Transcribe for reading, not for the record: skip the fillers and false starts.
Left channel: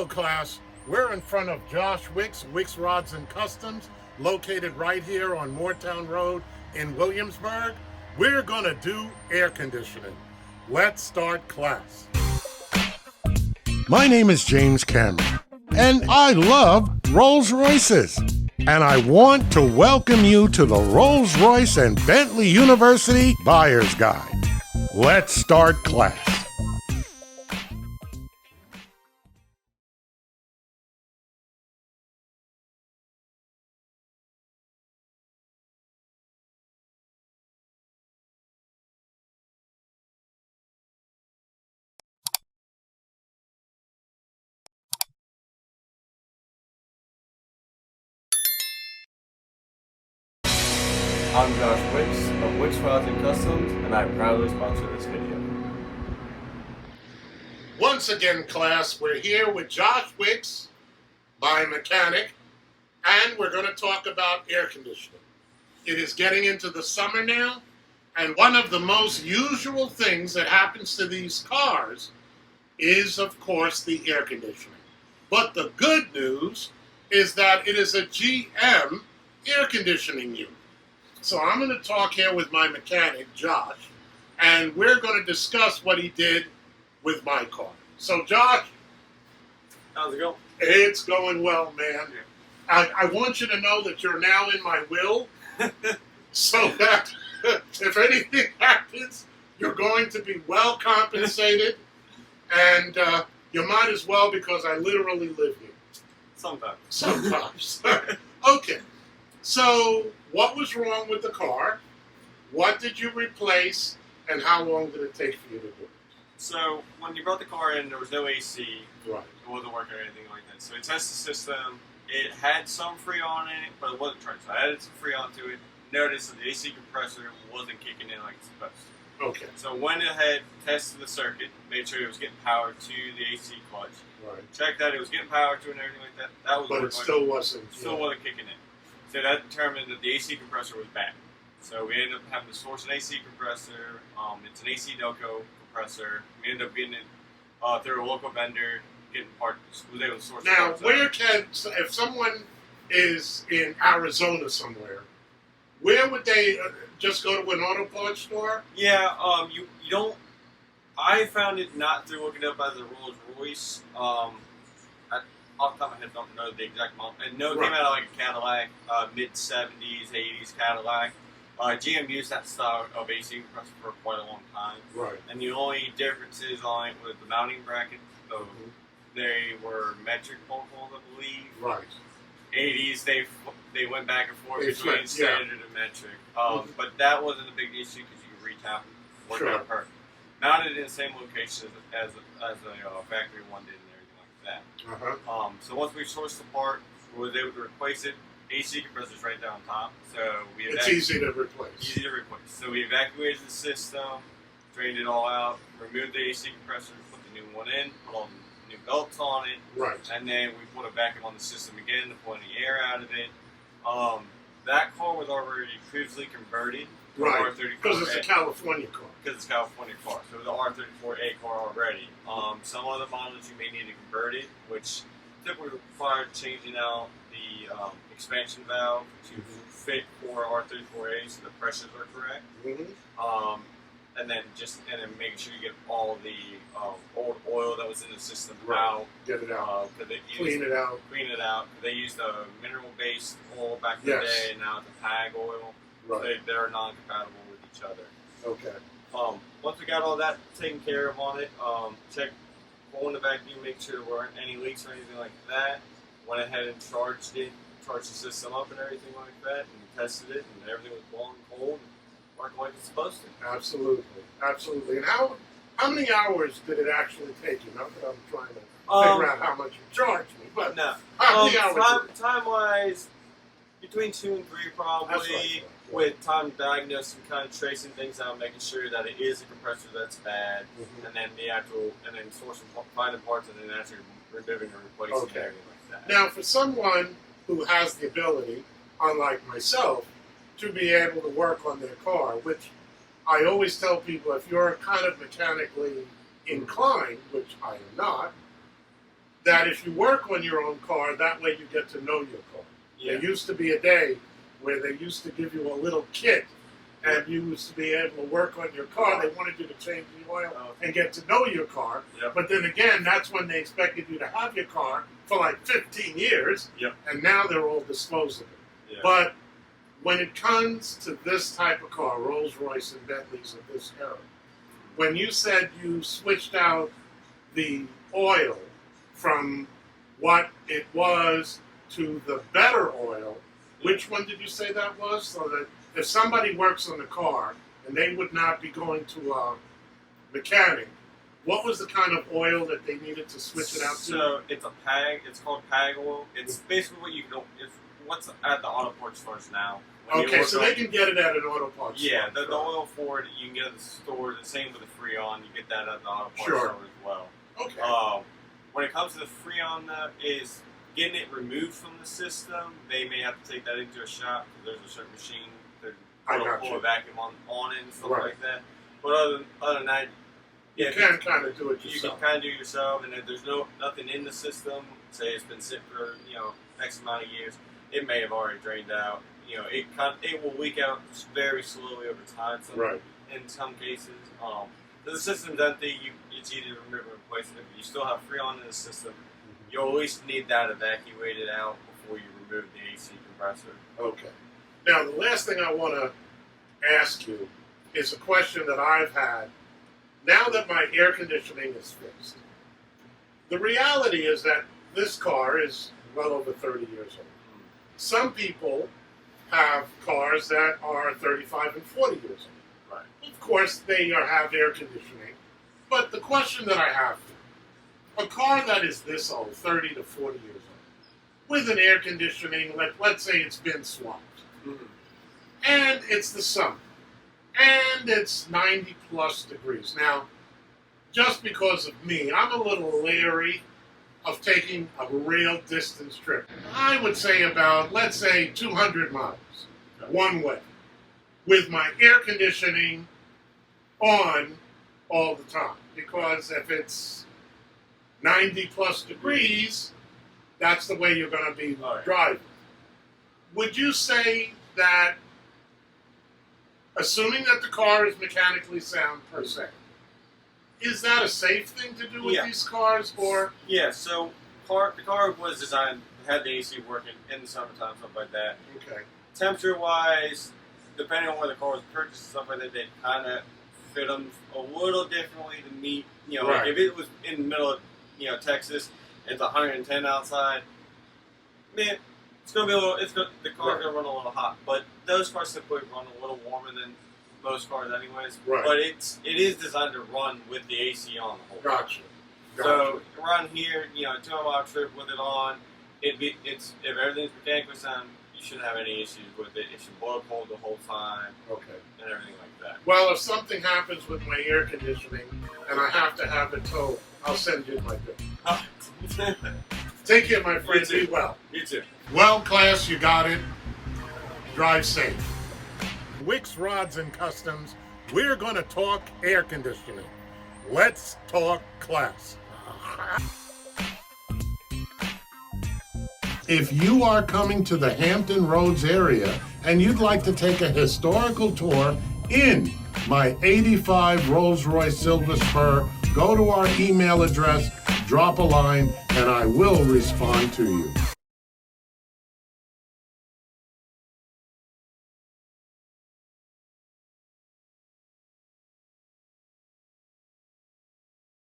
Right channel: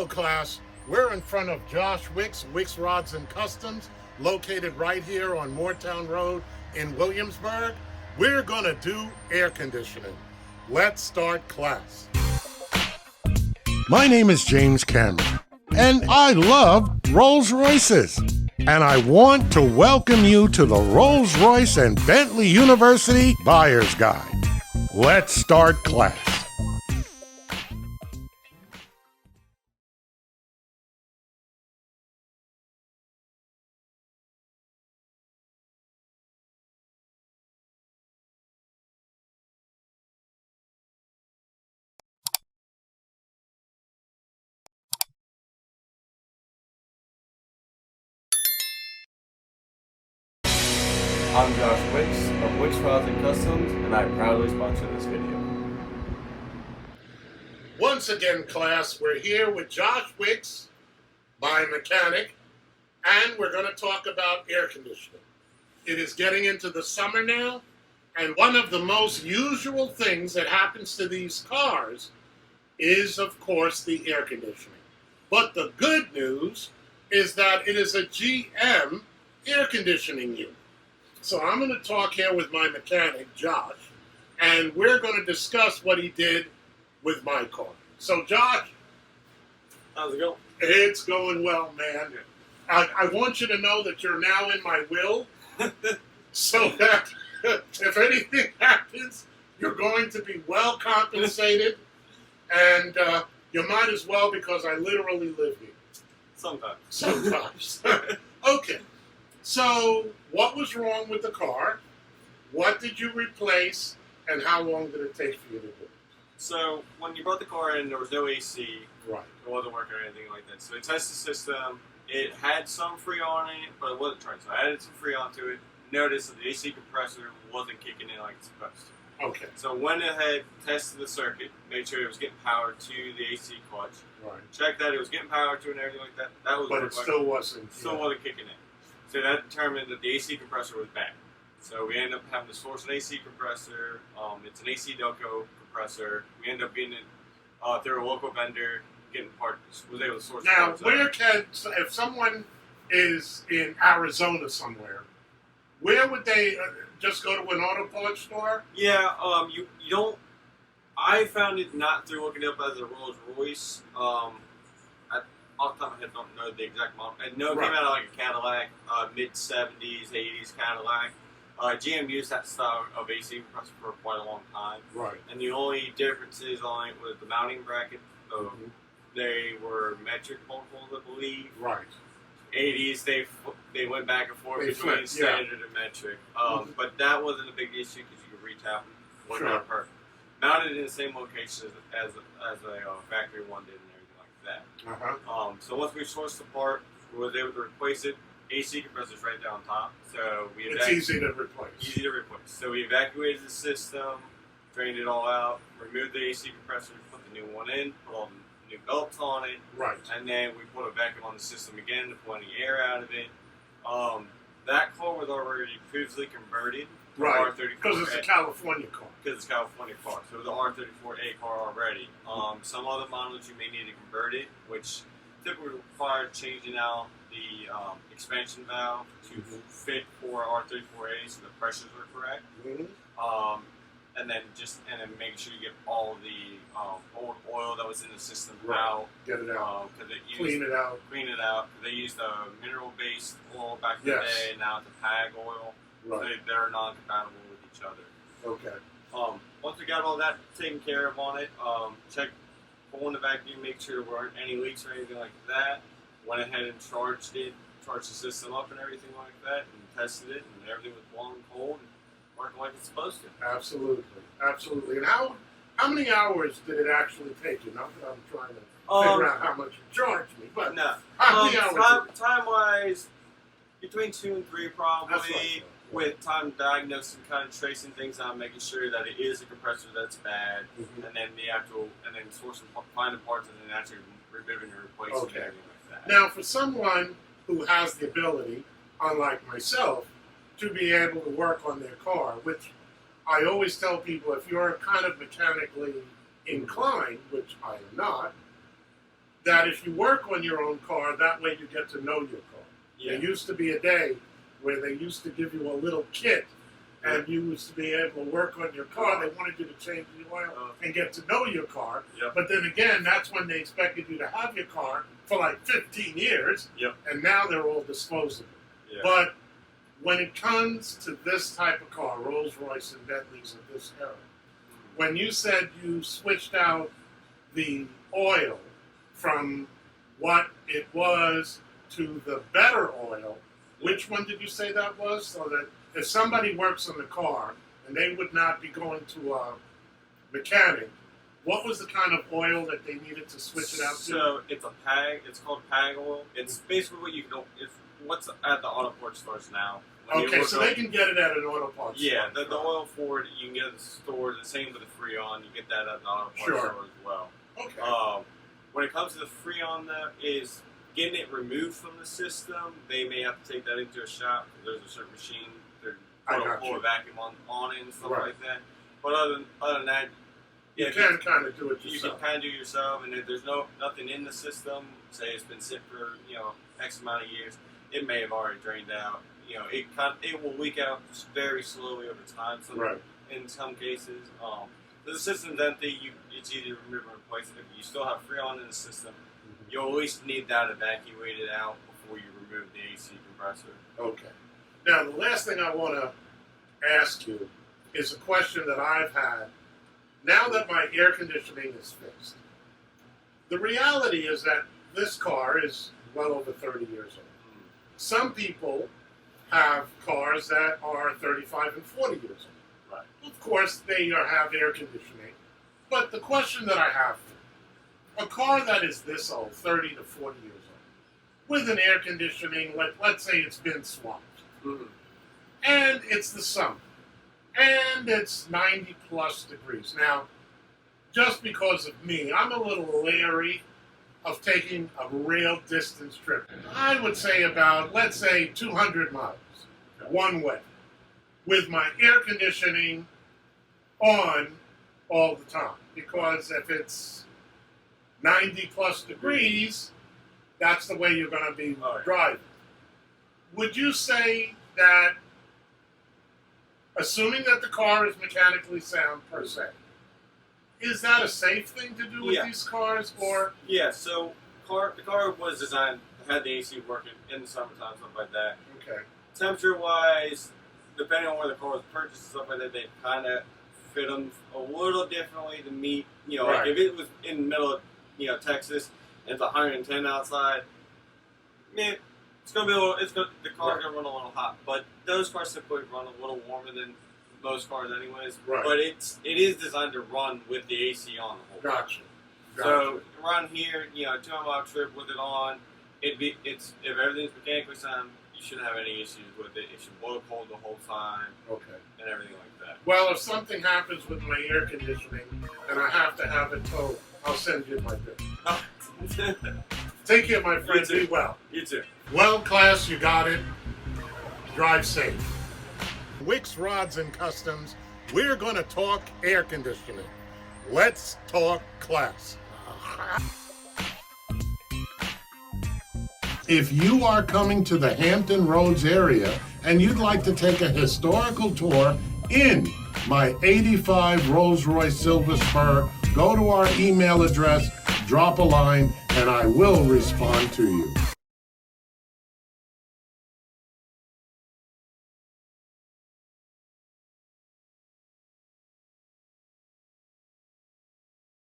Hello, class. We're in front of Josh Wicks, Wicks Rods and Customs, located right here on Moortown Road in Williamsburg. We're going to do air conditioning. Let's start class. My name is James Cameron, and I love Rolls-Royces. And I want to welcome you to the Rolls-Royce and Bentley University Buyer's Guide. Let's start class. I'm Josh Wicks of Wicks Rods and Customs, and I proudly sponsor this video. Once again, class, we're here with Josh Wicks, my mechanic, and we're going to talk about air conditioning. It is getting into the summer now, and one of the most usual things that happens to these cars is, of course, the air conditioning. But the good news is that it is a GM air conditioning unit. So I'm going to talk here with my mechanic, Josh, and we're going to discuss what he did with my car. So, Josh. How's it going? It's going well, man. I want you to know that you're now in my will, so that if anything happens, you're going to be well compensated, and you might as well, because I literally live here. Sometimes. Okay. So, what was wrong with the car? What did you replace? And how long did it take for you to do it? So, when you brought the car in, there was no AC. Right. It wasn't working or anything like that. So, we tested the system. It had some Freon in it, but it wasn't turned. So, I added some Freon to it. Noticed that the AC compressor wasn't kicking in like it's supposed to. Okay. So, went ahead, tested the circuit, made sure it was getting power to the AC clutch. Right. Checked that it was getting power to it and everything like that. That was But it still wasn't. wasn't kicking in. So that determined that the AC compressor was bad. So we ended up having to source an AC compressor. It's an AC Delco compressor. We ended up getting it through a local vendor, getting parts. Was able to source. Now, parts where out. if someone is in Arizona somewhere, where would they just go to an auto parts store? Yeah, you don't. I found it not through looking up as a Rolls-Royce. Off the top of my head, don't know the exact model. I know it came out of like a Cadillac, mid-70s, 80s Cadillac. GM used that style of AC compressor for quite a long time. Right. And the only differences on it was the mounting bracket. So they were metric pole holes, I believe. Right. 80s, they went back and forth between standard and metric. But that wasn't a big issue because you could retap them. Worked out perfect. Mounted in the same location as a factory one did. That. So once we sourced the part, we was able to replace it. AC compressor's right down top, so it's easy to replace. Easy to replace. So we evacuated the system, drained it all out, removed the AC compressor, put the new one in, put all the new belts on it, and then we put a vacuum on the system again to pull any air out of it. That car was already previously converted. Right, because it's a California car. Because it's a California car. So it was an R34A car already. Some other models you may need to convert it, which typically require changing out the expansion valve to fit for R34A so the pressures are correct. And then make sure you get all of the old oil that was in the system out. Get it out. Clean it out. They used a mineral-based oil back in the day, and now it's a PAG oil. Right. They're non-compatible with each other. Okay. Once we got all that taken care of on it, checked pulling the vacuum, make sure there weren't any leaks or anything like that. Went ahead and charged the system up and everything like that, and tested it, and everything was blowing cold and working like it's supposed to. Absolutely. And how many hours did it actually take you? Not that I'm trying to figure out how much you charged me, but how many hours? Time-wise, between 2 and 3 probably, with time to diagnose and kind of tracing things out, making sure that it is a compressor that's bad, and then sourcing, finding parts, and then actually removing and replacing and everything like that. Now, for someone who has the ability, unlike myself, to be able to work on their car, which I always tell people, if you're kind of mechanically inclined, which I am not, that if you work on your own car, that way you get to know your car. Yeah. There used to be a day where they used to give you a little kit, and you used to be able to work on your car. They wanted you to change the oil and get to know your car. Yep. But then again, that's when they expected you to have your car for like 15 years, Yep. and now they're all disposable. Yeah. But when it comes to this type of car, Rolls-Royce and Bentleys of this era, when you said you switched out the oil from what it was to the better oil, which one did you say that was? So that if somebody works on the car and they would not be going to a mechanic, what was the kind of oil that they needed to switch it out to? So it's a PAG. It's called PAG oil. It's basically what you can. It's what's at the auto parts stores now. When you Okay, look so up- they can get it at an auto parts Yeah, store. the oil for it you can get at the stores. The same with the Freon. You get that at the auto parts Sure. store as well. Okay. When it comes to the Freon, though, is getting it removed from the system. They may have to take that into a shop because there's a certain machine they're I going to got pull you. a vacuum on it and stuff Right. like that. But other than that, You yeah, can kind of do it you yourself. can kind of do it yourself, and if there's nothing in the system, say it's been sit for X amount of years, it may have already drained out. It will leak out very slowly over time. Right. In some cases, if the system's empty, it's easy to remove and replace it. If you still have Freon in the system, you'll at least need that evacuated out before you remove the AC compressor. Okay. Now, the last thing I want to ask you is a question that I've had now that my air conditioning is fixed. The reality is that this car is well over 30 years old. Some people have cars that are 35 and 40 years old. Right. Of course, they have air conditioning. But the question that I have, a car that is this old, 30 to 40 years old, with an air conditioning, let's say it's been swapped, and it's the summer, and it's 90 plus degrees. Now, just because of me, I'm a little leery of taking a real distance trip. I would say about, let's say, 200 miles, one way, with my air conditioning on all the time. Because if it's 90 plus degrees, that's the way you're going to be driving. Would you say that, assuming that the car is mechanically sound per se, is that a safe thing to do with these cars, or? Yeah, so the car was designed, had the AC working in the summertime, stuff like that. Okay. Temperature-wise, depending on where the car was purchased and stuff like that, they kind of fit them a little differently to meet, like if it was in the middle of, Texas, and it's 110 outside, man, it's going to be a little, the car's going to run a little hot. But those cars typically run a little warmer than most cars anyways. Right. But it is designed to run with the AC on the whole time. Gotcha. So around here, 2-mile trip with it on, if everything's mechanically sound, you shouldn't have any issues with it. It should blow cold the whole time. Okay. And everything like that. Well, if something happens with my air conditioning and I have to have it towed, I'll send you my bill. Take care, my friend. Be well. You too. Well, class, you got it. Drive safe. Wicks Rods and Customs, we're going to talk air conditioning. Let's talk class. If you are coming to the Hampton Roads area and you'd like to take a historical tour in my 85 Rolls-Royce Silver Spur, go to our email address, drop a line, and I will respond to you.